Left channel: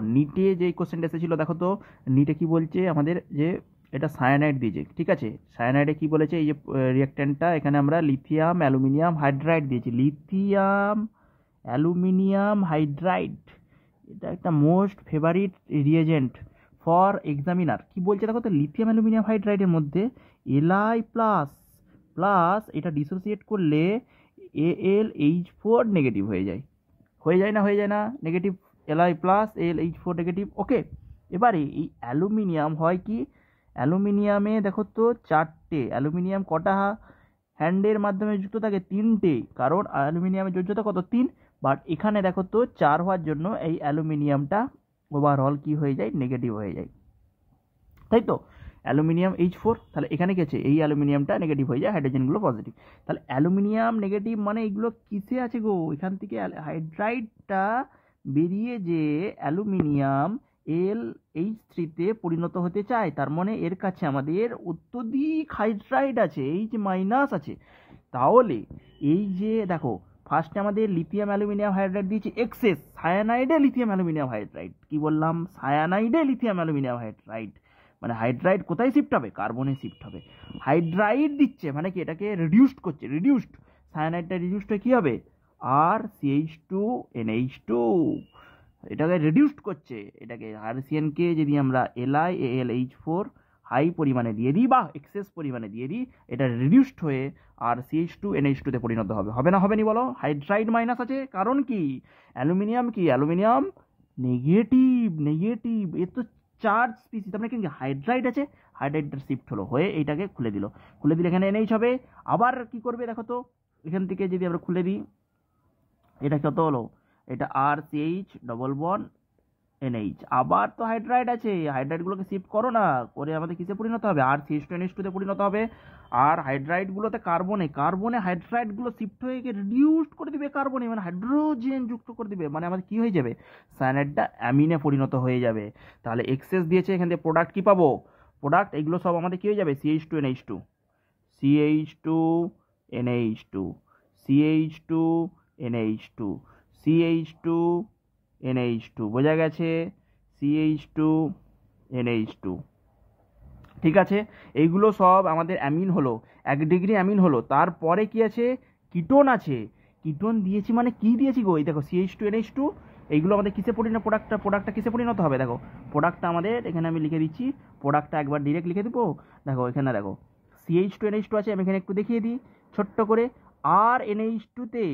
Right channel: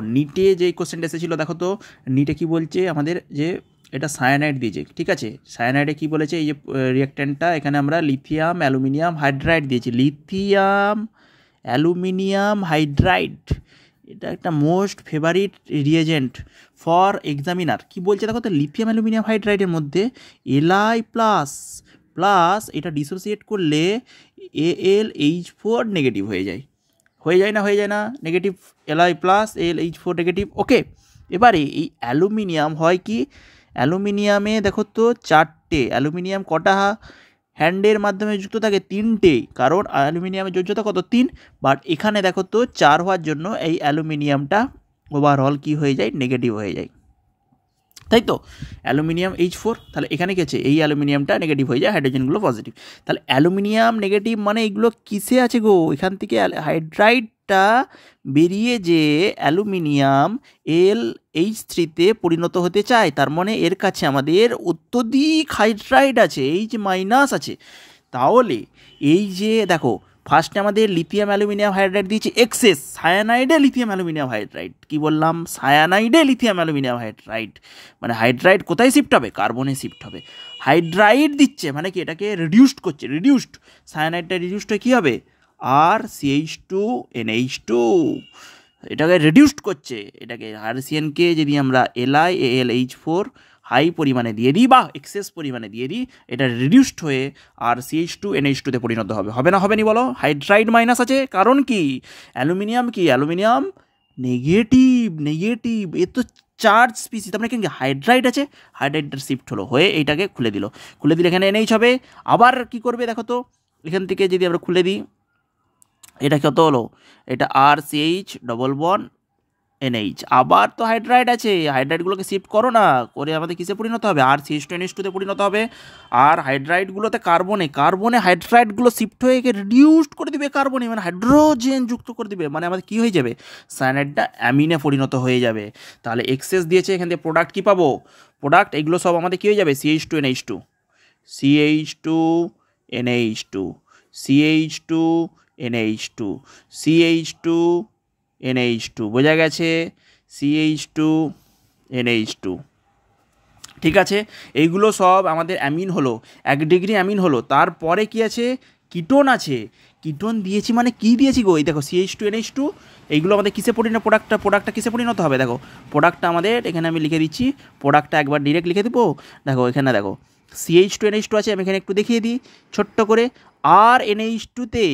নিটে যে কোশ্চেনটা এসেছিলো দেখো তো, নিটে কি বলছে আমাদের যে এটা সায়ানাইড দিয়েছে, ঠিক আছে। সায়ানাইডে কি বলেছে, এই যে রিঅ্যাক্ট্যান্টটা এখানে আমরা লিথিয়াম অ্যালুমিনিয়াম হাইড্রাইড দিয়েছি, লিথিয়াম অ্যালুমিনিয়াম হাইড্রাইড, এটা একটা most favourite reagent for examiner. কি বলছে দেখো তো, লিথিয়াম অ্যালুমিনিয়াম হাইড্রাইডের মধ্যে এলআই প্লাস প্লাস এটা ডিসোসিয়েট করলে AlH4 নেগেটিভ হয়ে যায়, হয়ে যায় না negative, Li plus AlH4 negative. Okay, এবারে এই অ্যালুমিনিয়াম হয় কি, অ্যালুমিনিয়ামে দেখো তো চারটে, অ্যালুমিনিয়াম কটা হ্যান্ডের মাধ্যমে যুক্ত থাকে, তিনটে, কারণ অ্যালুমিনিয়ামের যোজ্যতা কত 3, বাট এখানে দেখো তো 4 হওয়ার জন্য এই অ্যালুমিনিয়ামটা ওভারঅল কি হয়ে যায়, নেগেটিভ হয়ে যায়, তাই তো। অ্যালুমিনিয়াম H4, তাহলে এখানে কি আছে, এই অ্যালুমিনিয়ামটা নেগেটিভ হয়ে যায়, হাইড্রোজেনগুলো পজিটিভ। তাহলে অ্যালুমিনিয়াম নেগেটিভ মানে এগুলো কিসে আছে গো, এখান থেকে হাইড্রাইডটা বেরিয়ে যে অ্যালুমিনিয়াম LH3-তে পরিণত হতে চায়, তার মানে এর কাছে আমাদের অত্যধিক হাইড্রাইড আছে, H মাইনাস আছে। তাহলে এই যে দেখো, ফার্স্টে আমাদের লিথিয়াম অ্যালুমিনিয়াম হাইড্রাইড দিয়েছে এক্সেস, সায়ানাইডে লিথিয়াম অ্যালুমিনিয়াম হাইড্রাইড, কি বললাম, সায়ানাইডে লিথিয়াম অ্যালুমিনিয়াম হাইড্রাইড, মানে হাইড্রাইড কোথায় শিফট হবে, কার্বনে শিফট হবে। হাইড্রাইড দিচ্ছে মানে কি, এটাকে রিডিউসড করছে, রিডিউসড, সায়ানাইডটা রিডিউসড হয়ে কী হবে, RCH2NH2, এটাকে রিডিউসড করছে, এটাকে RCN-কে যদি আমরা LiAlH4 হাই পরিমাণে দিয়ে দিই বা এক্সেস পরিমাণে দিয়ে দিই, এটা রিডিউসড হয়ে RCH2NH2-তে পরিণত হবে, হবে না হবে নি বলো, হাইড্রাইড মাইনাস আছে, কারণ কি, অ্যালুমিনিয়াম কি, অ্যালুমিনিয়াম নেগেটিভ, নেগেটিভ, এ তো চার্জ স্পিসিস, তার মানে কি হাইড্রাইড আছে, হাইড্রাইডটা শিফট হলো হয়ে এইটাকে খুলে দিল, খুলে দিলে এখানে NH হবে। আবার কি করবে দেখো তো, এখান থেকে যদি আমরা খুলে দিই, এটা কত হলো, এটা RCH ডবল বন্ড NH, আবার তো হাইড্রাইড আছে, হাইড্রাইডগুলোকে শিফট করো না, করে আমাদের কিসে পরিণত হবে, RCH2NH2-তে পরিণত হবে। আর হাইড্রাইডগুলোতে কার্বনে, কার্বনে হাইড্রাইডগুলো শিফট হয়ে রিডিউসড করে দিবে কার্বনে, মানে হাইড্রোজেন যুক্ত করে দিবে, মানে আমাদের কী হয়ে যাবে, সায়ানাইডটা অ্যামিনে পরিণত হয়ে যাবে। তাহলে এক্সেস দিয়েছে, এখান থেকে প্রোডাক্ট কী পাবো, প্রোডাক্ট এগুলো সব আমাদের কী হয়ে যাবে, CH2NH2, CH2NH2, CH2NH2, CH2NH2, বোঝা গেছে, CH2NH2, ঠিক আছে। এইগুলো সব আমাদের অ্যামিন হলো, 1 ডিগ্রি অ্যামিন হলো। তারপরে কি আছে, কিটোন আছে, কিটোন দিয়েছি মানে কি দিয়েছি গো, এই দেখো CH2NH2, এইগুলো আমাদের কিসে পরিণত, প্রোডাক্টটা কিসে পরিণত হবে, দেখো প্রোডাক্টটা আমাদের এখানে আমি লিখে দিচ্ছি, প্রোডাক্টটা একবার ডিরেক্ট লিখে দেবো, দেখো এখানে দেখো CH2NH2 আছে, আমি এখানে একটু দেখিয়ে দিই ছোট্ট করে, আর NH2-তে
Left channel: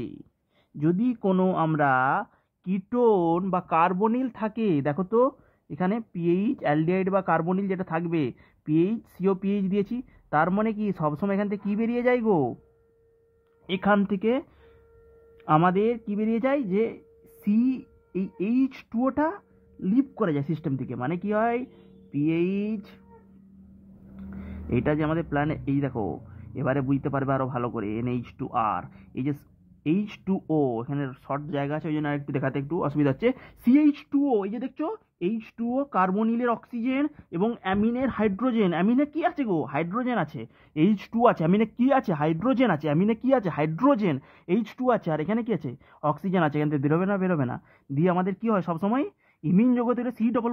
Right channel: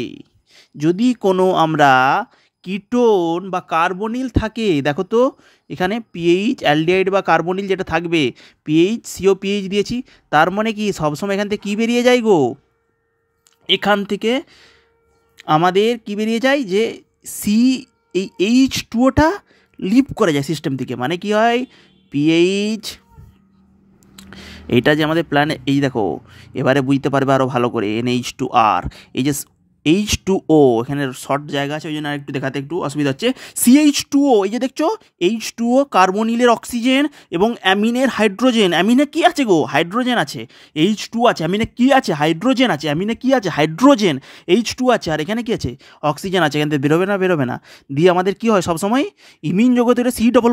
যদি কোনো আমরা কিটোন বা কার্বনিল থাকে, দেখো তো এখানে পিএইচ অ্যালডিহাইড বা কার্বনিল যেটা থাকবে, পিএইচ COPH দিয়েছি, তার মানে কি সবসময় এখান থেকে কী বেরিয়ে যায় গো, এখান থেকে আমাদের কি বেরিয়ে যায় যে এই H2O-টা লিভ করে যায় সিস্টেম থেকে, মানে কি হয়, পিএইচ, এইটা যে আমাদের প্ল্যানে, এই দেখো এবারে বুঝতে পারবে আরও ভালো করে, NH2R, এই যে H2O, এখানে শর্ট জায়গা আছে ওই জন্য একটু দেখাতে একটু অসুবিধা হচ্ছে, CH2O, এই যে দেখছো H2O কার্বনিলের অক্সিজেন এবং অ্যামিনের হাইড্রোজেন, অ্যামিনে কি আছে গো, হাইড্রোজেন আছে, H2 আছে, অ্যামিনে কি আছে, হাইড্রোজেন আছে, অ্যামিনে কি আছে, হাইড্রোজেন, H2 আছে, আর এখানে কি আছে, অক্সিজেন আছে, এখান থেকে বেরোবে না, দিয়ে আমাদের কি হয় সবসময় ইমিন জগতের C ডবল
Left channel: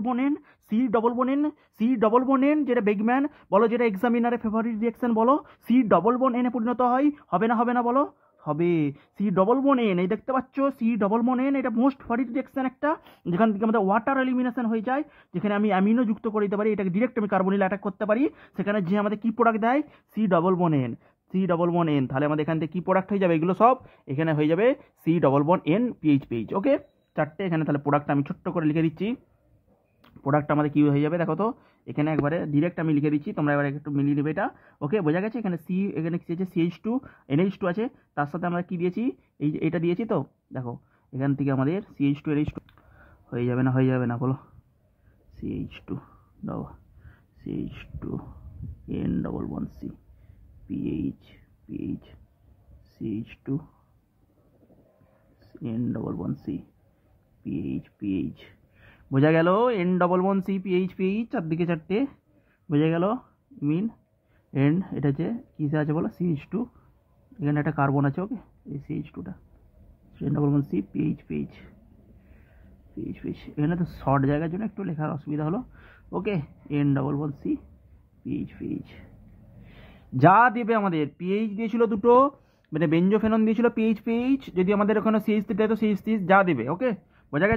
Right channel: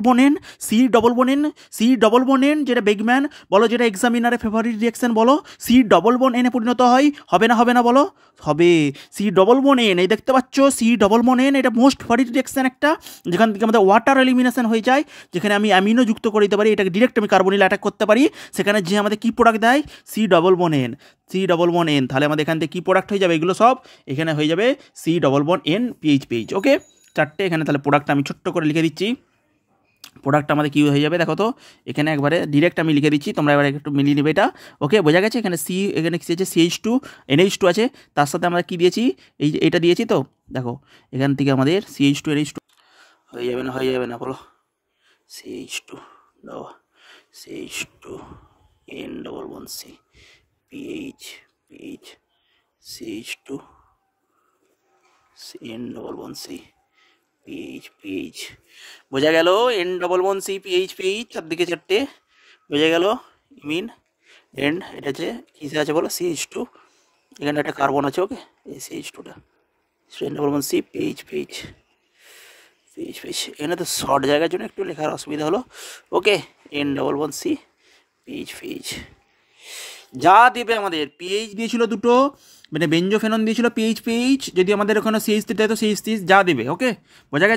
বন্ড N, যেটা বেগম্যান বলো, যেটা এক্সামিনারের ফেভারিট রিঅ্যাকশন বলো, C ডবল বন্ড N-এ পরিণত হয়, হবে না বলো, হবে। C ডবল বন্ড N, এই দেখতে পাচ্ছ C ডবল বন্ড N, এটা মোস্ট ফেভারিট রিঅ্যাকশন একটা, যেখান থেকে আমাদের ওয়াটার এলিমিনেশন হয়ে যায়, যেখানে আমি অ্যামিনো যুক্ত করে দিতে পারি, এটাকে ডিরেক্ট আমি কার্বনিল অ্যাটাক করতে পারি, সেখানে যে আমাদের কী প্রোডাক্ট দেয়, C ডবল বন্ড N, তাহলে আমাদের এখান থেকে কী প্রোডাক্ট হয়ে যাবে, এগুলো সব এখানে হয়ে যাবে C double bond N PH, ওকে, চারটে এখানে, তাহলে প্রোডাক্টটা আমি ছোট্ট করে লিখে দিচ্ছি, প্রোডাক্ট আমাদের কী হয়ে যাবে দেখো তো, এখানে একবারে ডিরেক্ট আমি লিখে দিচ্ছি, তোমরা এবার একটু মিলিয়ে নেবে এটা, ওকে, বোঝা গেছে, এখানে এখানে কী আছে, CH2NH2 আছে, তার সাথে আমরা কী দিয়েছি, এইটা দিয়েছি, তো দেখো এখান থেকে আমাদের CH2NH2 হয়ে যাবে না বলো, CH2 দাও, CH2N double bond C, PH, CH2N double bond C, PH, বোঝা গেল, N double bond C, PH, চারদিকে চারটে, বোঝা গেল, ইমিন এন্ড, এটা হচ্ছে কিসে আছে বলো, CH2, এখানে একটা কার্বন আছে, ওকে, এই CH2টা, N double bond C, PH, pH pH এখানে তো শর্ট জায়গার জন্য একটু লেখার অসুবিধা হলো। ওকে, N11C পিএইচ পিএইচ যা দেবে আমাদের পিএইচ দিয়েছিল দুটো, মানে বেঞ্জোফেনন দিয়েছিল পিএইচ পিএইচ, যদি আমাদের ওখানে CH3 তো CH3 যা দেবে। ওকে, বোঝা গেছে।